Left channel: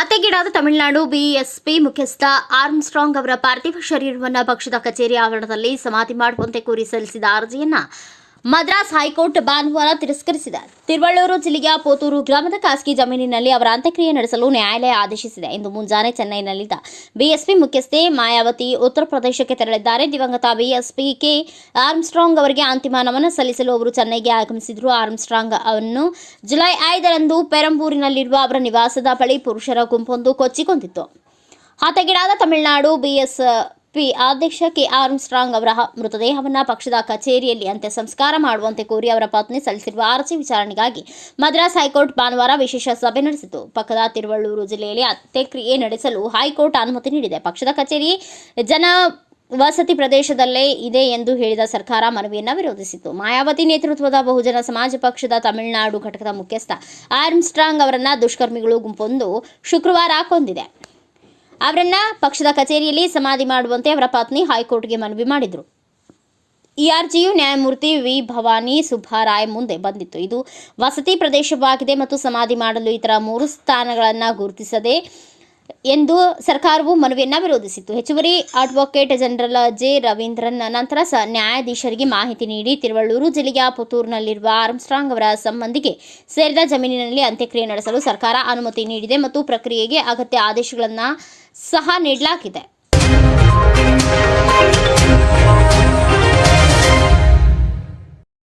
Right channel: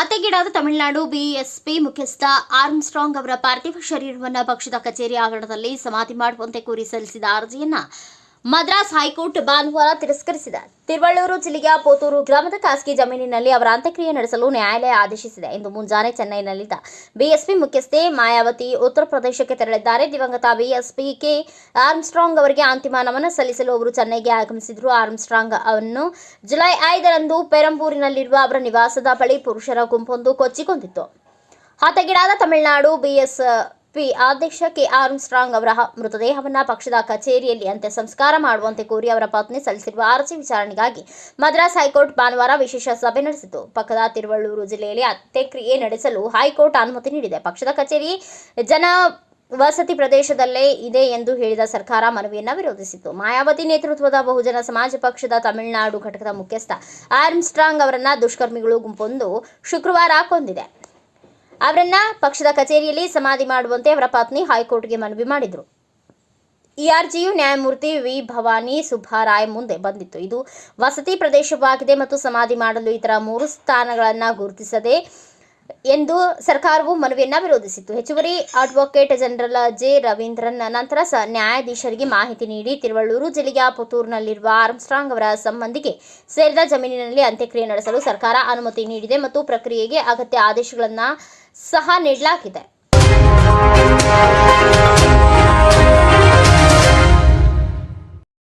ಹತ್ಯೆಗೀಡಾದ Tamil Nadu BSP ಮುಖ್ಯಸ್ಥ Armstrong ಅವರ ಪಾರ್ಥಿವ ಶರೀರವನ್ನು ಪಕ್ಷದ ಕಚೇರಿ ಆವರಣದಲ್ಲಿ ಸಮಾಧಿ ಮಾಡುವಂತೆ ಕೋರಿ ಸಲ್ಲಿಸಿದ ಅರ್ಜಿಯನ್ನ ಮದ್ರಾಸ್ ಹೈಕೋರ್ಟ್ ಭಾನುವಾರ ತಿರಸ್ಕರಿಸಿದೆ. ತಿರುವಳ್ಳೂರು ಜಿಲ್ಲೆಯ ಪೋತೂರು ಗ್ರಾಮದ ಖಾಸಗಿ ಜಮೀನಿನಲ್ಲಿ ಅವರ ಅಂತ್ಯಕ್ರಿಯೆ ನಡೆಸಲು ನ್ಯಾಯಾಲಯ ಆದೇಶಿಸಿದೆ. ಇಂದು ಮುಂಜಾನೆ ಚೆನ್ನೈನಲ್ಲಿದ್ದ ಬಿಎಸ್ಪಿ ಮುಖ್ಯಸ್ಥೆ ಮಾಯಾವತಿ ಉತ್ತರ ಪ್ರದೇಶಕ್ಕೆ ತೆರಳಿದ್ದಾರೆ. ದಿವಂಗತ ಬಿಎಸ್ಪಿ ಕೆ ಆರ್ಮ್ಸ್ಟ್ರಾಂಗ್ ಅವರಿಗೆ ಅಂತಿಮ ನಮನ ಸಲ್ಲಿಸಲು ಅವರು ಚೆನ್ನೈಗೆ ಆಗಮಿಸಿದ್ರು. ಆರ್ಮ್ಸ್ಟ್ರಾಂಗ್ ಅವನ್ನು ಜುಲೈ ಐದರಂದು ಪೆರಂಬೂರಿನಲ್ಲಿರುವ ಅವರ ನಿವಾಸದ ಬಳಿ ಪುರುಷರ ಗುಂಪೊಂದು ಕೊಚ್ಚಿಕೊಂಡಿತ್ತು. ಹತಗಿಡಾದ ತಮಿಳುನಾಡು ಬಿಎಸ್ಪಿ ಅಧ್ಯಕ್ಷ ಕೆ ಆರ್ಮ್ಸ್ಟ್ರಾಂಗ್ ಅವರ ಮೃತದೇಹವನ್ನು ಪಕ್ಷದ ಕಚೇರಿಯಲ್ಲಿ ಅಂತ್ಯ ಸಂಸ್ಕಾರ ಮಾಡುವಂತೆ ಕೋರಿ ಅವರ ಪತ್ನಿ ಸಲ್ಲಿಸಿರುವ ಅರ್ಜಿ ವಿಚಾರಣೆಗಾಗಿ ಮದ್ರಾಸ್ ಹೈಕೋರ್ಟ್ ಭಾನುವಾರ ವಿಶೇಷ ಸಭೆ ನಡೆಸಿತು. ಪಕ್ಕದ ತಿರುವಳ್ಳೂರು ಜಿಲ್ಲೆಯಲ್ಲಿ ಅಂತ್ಯಕ್ರಿಯೆ ನಡೆಸಲು ಹೈಕೋರ್ಟ್ ಅನುಮತಿ ನೀಡಿದೆ. ಪಕ್ಷದ ಕಚೇರಿ ಜನ ವಸತಿ ಪ್ರದೇಶದಲ್ಲೇ ಇದೆ ಎಂದು ಹೇಳಿದ ಸರ್ಕಾರ ಮನವಿಯನ್ನು ವಿರೋಧಿಸಿತು ಮಾಯಾವತಿ ನೇತೃತ್ವದ ಬಹುಜನ ಸಮಾಜ ಪಕ್ಷದ ತಮಿಳುನಾಡು ಘಟಕದ ಮುಖ್ಯಸ್ಥ ಆರ್ಮ್ಸ್ಟ್ರಾಂಗ್ ಅವರನ್ನು ದುಷ್ಕರ್ಮಿಗಳು ಗುಂಪೊಂದು ಶುಕ್ರವಾರ ಕೊಂದಿದೆ. ಅವರನ್ನ ಪಕ್ಷದ ಕಚೇರಿಯಲ್ಲಿ ಸಮಾಧಿ ಮಾಡುವಂತೆ ಅವರ ಪತ್ನಿ ಹೈಕೋರ್ಟ್ಗೆ ಮನವಿ ಮಾಡಿದರು. ಇಆರ್ಜಿಯು ನ್ಯಾಯಮೂರ್ತಿ ವಿ. ಭವಾನಿ ಸುಬ್ಬಾರಾಯ್ ಮುಂದೆ ಬಂದಿತ್ತು. ಇದು ವಸತಿ ಪ್ರದೇಶವಾಗಿದೆ ಮತ್ತು ಸಮಾಧಿ ಮಾಡಲು ಇತರ ಮೂರು ಸ್ಥಾನಗಳನ್ನು ಗುರುತಿಸದೆ ಎಂದು ಸರ್ಕಾರವು ಮನವಿಯನ್ನು ವಿರೋಧಿಸಿತ್ತು. ಹೆಚ್ಚುವರಿ ಅಡ್ವೊಕೇಟ್ ಜನರಲ್ ಜೆ. ರವೀಂದ್ರನ್ ನಂತರ ಸ ನ್ಯಾಯಾಧೀಶರಿಗೆ ಮಾಹಿತಿ ನೀಡಿ ತಿರುವಳ್ಳೂರು ಜಿಲ್ಲೆಯ ಪುತ್ತೂರಿನಲ್ಲಿರುವ ಆರ್ಮ್ಸ್ಟ್ರಾಂಗ್ ಅವರ ಸಂಬಂಧಿಗೆ ಸೇರಿದ ಜಮೀನಿನಲ್ಲಿ ಅಂತ್ಯಕ್ರಿಯೆ ನಡೆಸಲು ಸರ್ಕಾರ ಅನುಮತಿ ನೀಡಿದೆ ಮತ್ತು ಪ್ರಕ್ರಿಯೆಗೆ ಅಗತ್ಯ ಆದೇಶಗಳನ್ನು ಸಹ ನೀಡಲಾಗಿದೆ.